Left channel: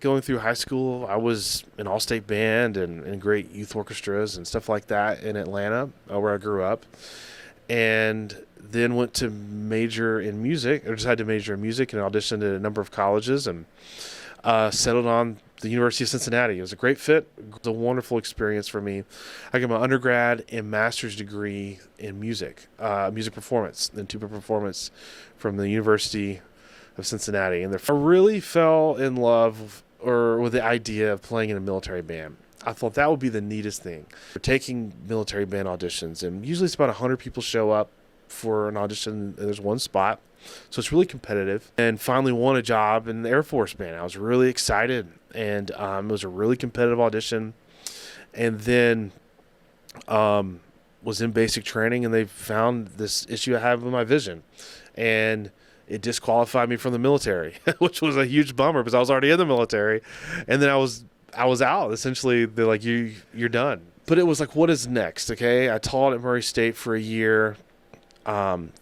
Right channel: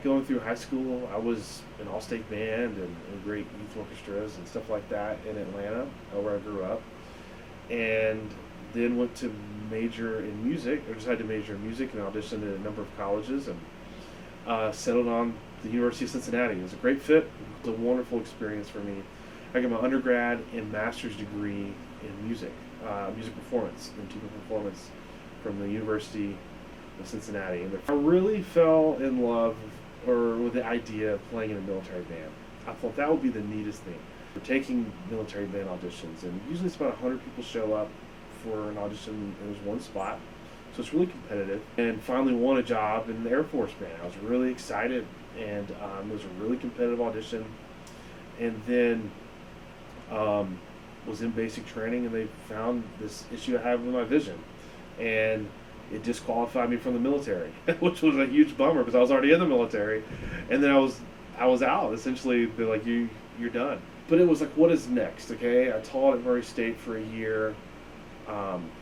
Going through high school, I was in all-state band and great youth orchestras and stuff like that in Atlanta, where I grew up, and then went to major in music, or decided to major in music and auditioned at a number of colleges and settled on the University of Cincinnati. It was a great fit. It was a wonderful experience for me. I got my undergrad and master's degree in music performance, then tuba performance from the University of Cincinnati. And I really fell in love with the idea of playing in a military band. I thought that would be the neatest thing. We're taking military band auditions, and usually it's about 100 people show up for an audition, and there's one spot. So it's really competitive. And finally won a job in the Air Force Band. I was really excited, and it was a really competitive audition. And then was in basic training, and they found this issue I have with my vision. And it disqualified me from the military, which was a huge bummer because I was already in the military. And then I was out. Essentially, they're like, you're done. But it was like, what is next? Okay, I taught at Murray State for a year.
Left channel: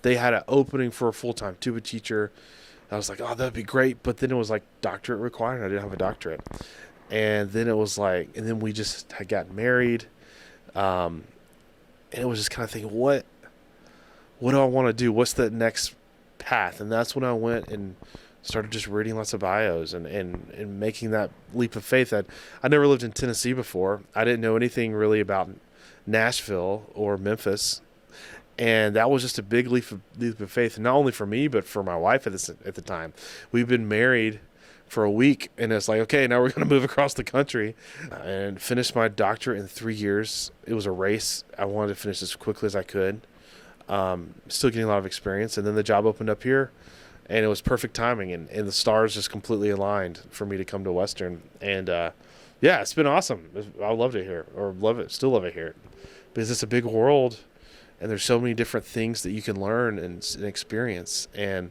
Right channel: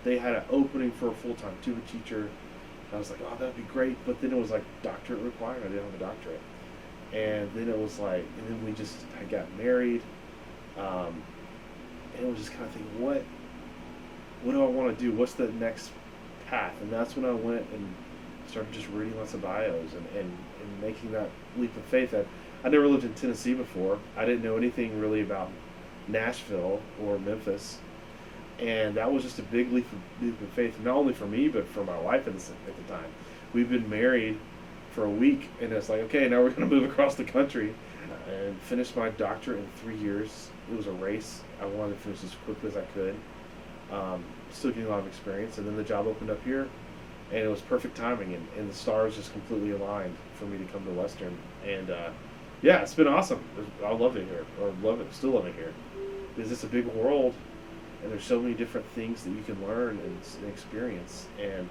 They had an opening for a full-time tuba teacher. I was like, oh, that'd be great. But then it was like doctorate required. I didn't have a doctorate. And then it was like, and then we just had gotten married. And it was just kind of thinking, what do I want to do? What's the next path? And that's when I went and started just reading lots of bios and making that leap of faith. That I never lived in Tennessee before. I didn't know anything really about Nashville or Memphis. And that was just a big leap of faith, not only for me, but for my wife at the time. We've been married for a week, and it's like, okay, now we're going to move across the country and finish my doctorate in 3 years. It was a race. I wanted to finish as quickly as I could. Still getting a lot of experience. And then the job opened up here, and it was perfect timing, and the stars just completely aligned for me to come to Western. And yeah, it's been awesome. I loved it here, still love it here, because it's a big world. And there's so many different things that you can learn and experience, and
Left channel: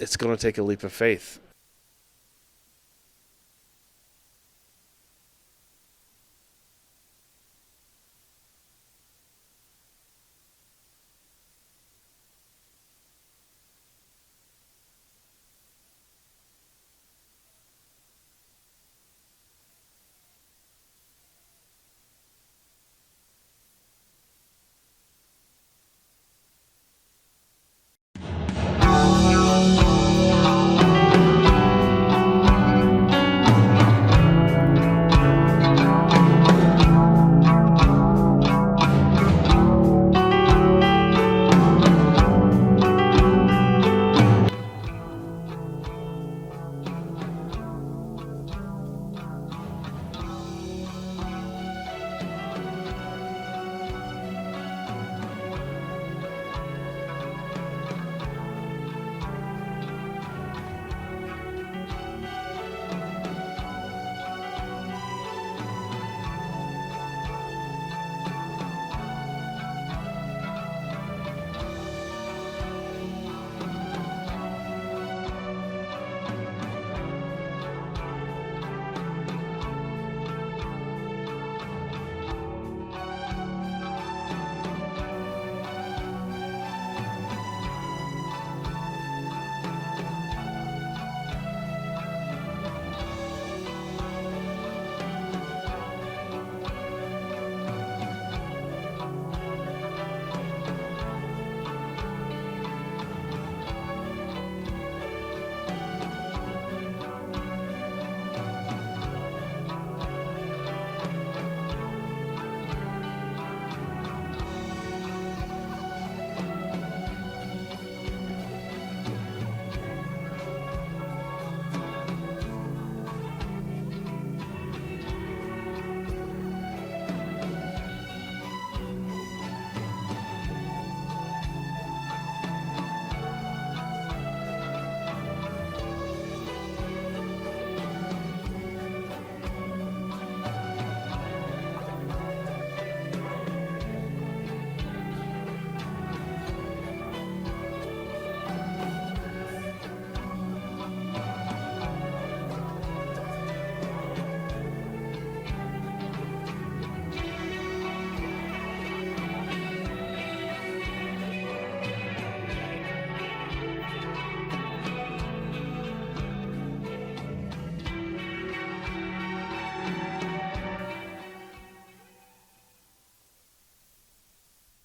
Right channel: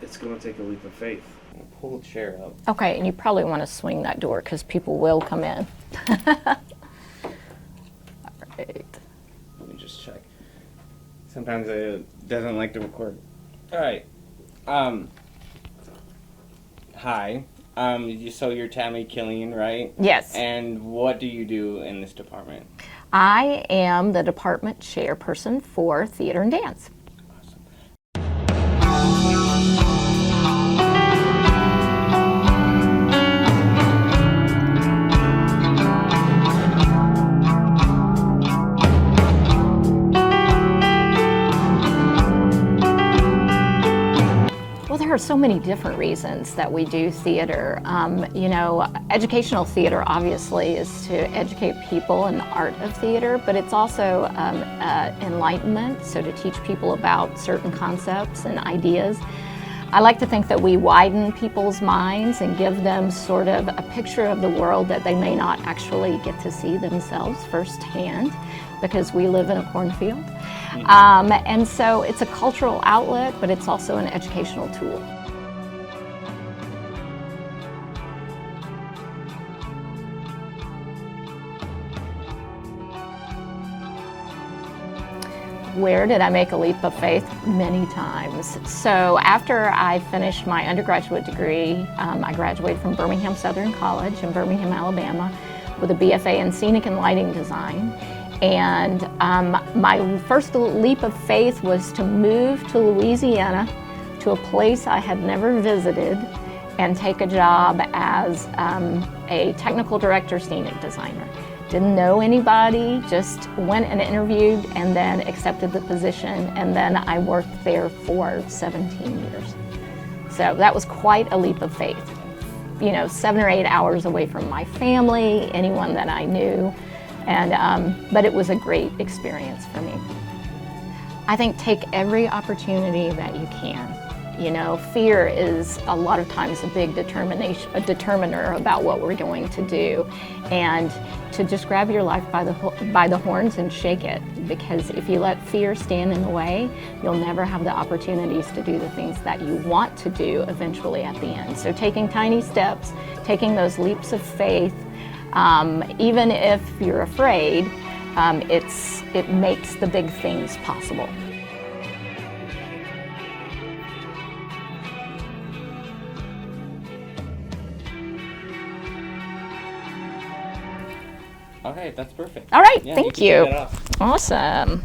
it's going to take a leap of faith. Pull the chair up. Okay, and you probably want to swing that door because people will come in. All right. Let me just check. Sometimes it doesn't like to record. All right. Hi. So you're Tammy Killian, right? Yes. And what do you do in this department? I am the department chairperson for theater and dance. So many different reasons that we do theater. Educational theater obviously is to educate people in the art of theater, but it's also enlightenment, so to teach people about certain concepts and ideas. I like to think that we widen people's minds and give them sort of a picture of the world that they may not actually get to see themselves firsthand because we live in a cornfield. And so it's a cultural outlet, but it's also an educational tool. Where did I make a leap of faith? Many times. So after I finished my undergraduate degree, I graduated from Birmingham Southern College in Birmingham, Alabama, with a BFA in Scenic and Lighting Design. And my first leap of faith was to move to Louisiana, to a place I had never visited, and take a job as a technical director, scenic designer. Didn't know anybody, just went and interviewed and then accepted the position, and then I worked there for 17 years. So that was quite a leap of faith. 7 or 8 hours away from my family, anyone that I knew, and but it was a great experience for me. I think take every opportunity that you can. Fear is a lot of times a big determiner about what we're going to do, and to just grab your life by the horns and shake it, because if you let fear stand in the way, you'll never have the opportunities to do the things that you want to do eventually at the end. So taking tiny steps, taking those leaps of faith, even if you're afraid, it makes the big things possible. right, that's perfect. All right, Yeah, thank can you. take that off. Awesome.